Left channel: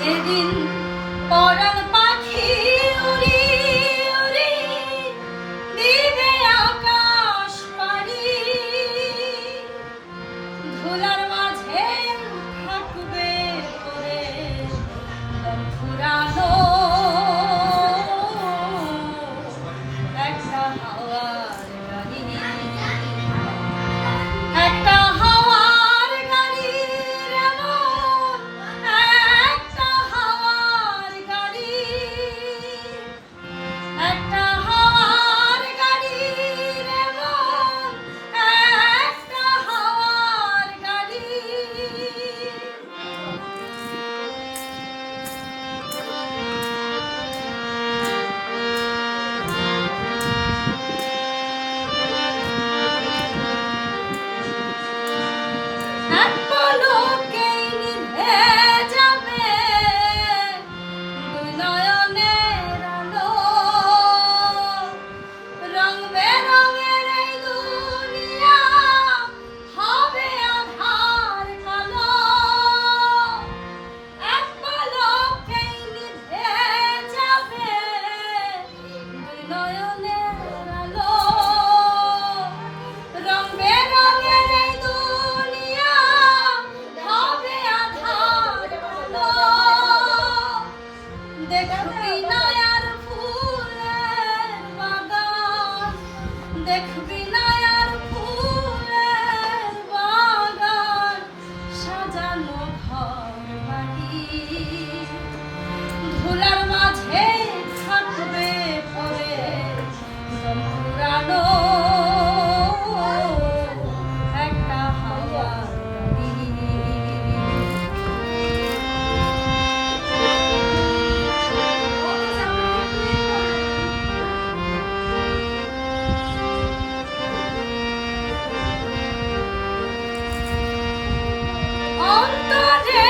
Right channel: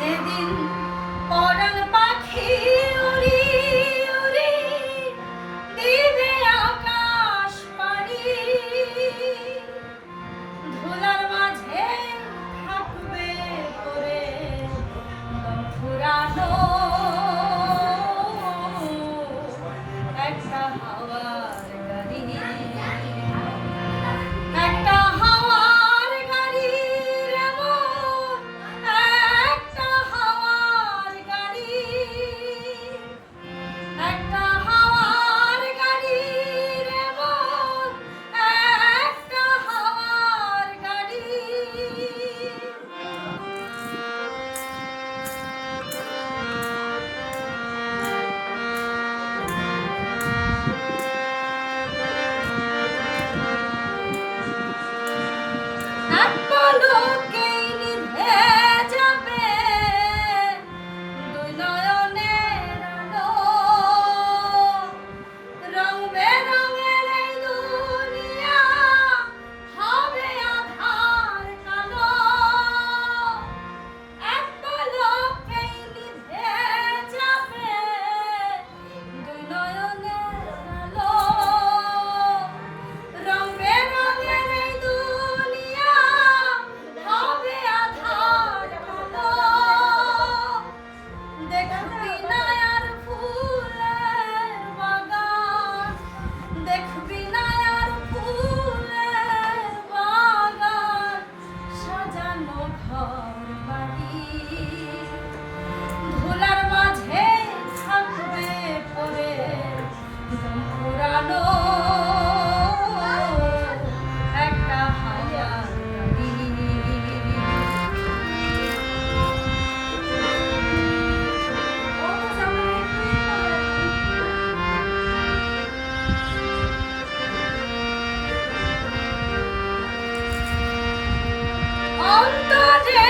যেদিন পরাণ পাখি উড়ি উড়ি দিবে আকাশ পাড়ি, ধুলার মাঝে থাকবে পড়ে ফুরানো একটা হাওয়ার গাড়ি, একটা হাওয়ার গাড়ির এমন একটা হাওয়ার গাড়ি, একটা হাওয়ার গাড়ির এমন একটা হাওয়ার গাড়ি। এক পলকেই নিভে যাবে দুই নয়নের আলো, রং বেরঙের এই দুনিয়া হবে আঁধার কালো। এক পলকেই নিভে যাবে দুই নয়নের আলো, রং বেরঙের এই দুনিয়া হবে আঁধার কালো। দেখবি না আর ফুলের বাগান, দেখবি না আর ফুলের বাগান, সাজানো ঘর বাড়ি, ধুলার মাঝে থাকবে পড়ে পুরানো একটা হাওয়ার গাড়ি। অন্তরে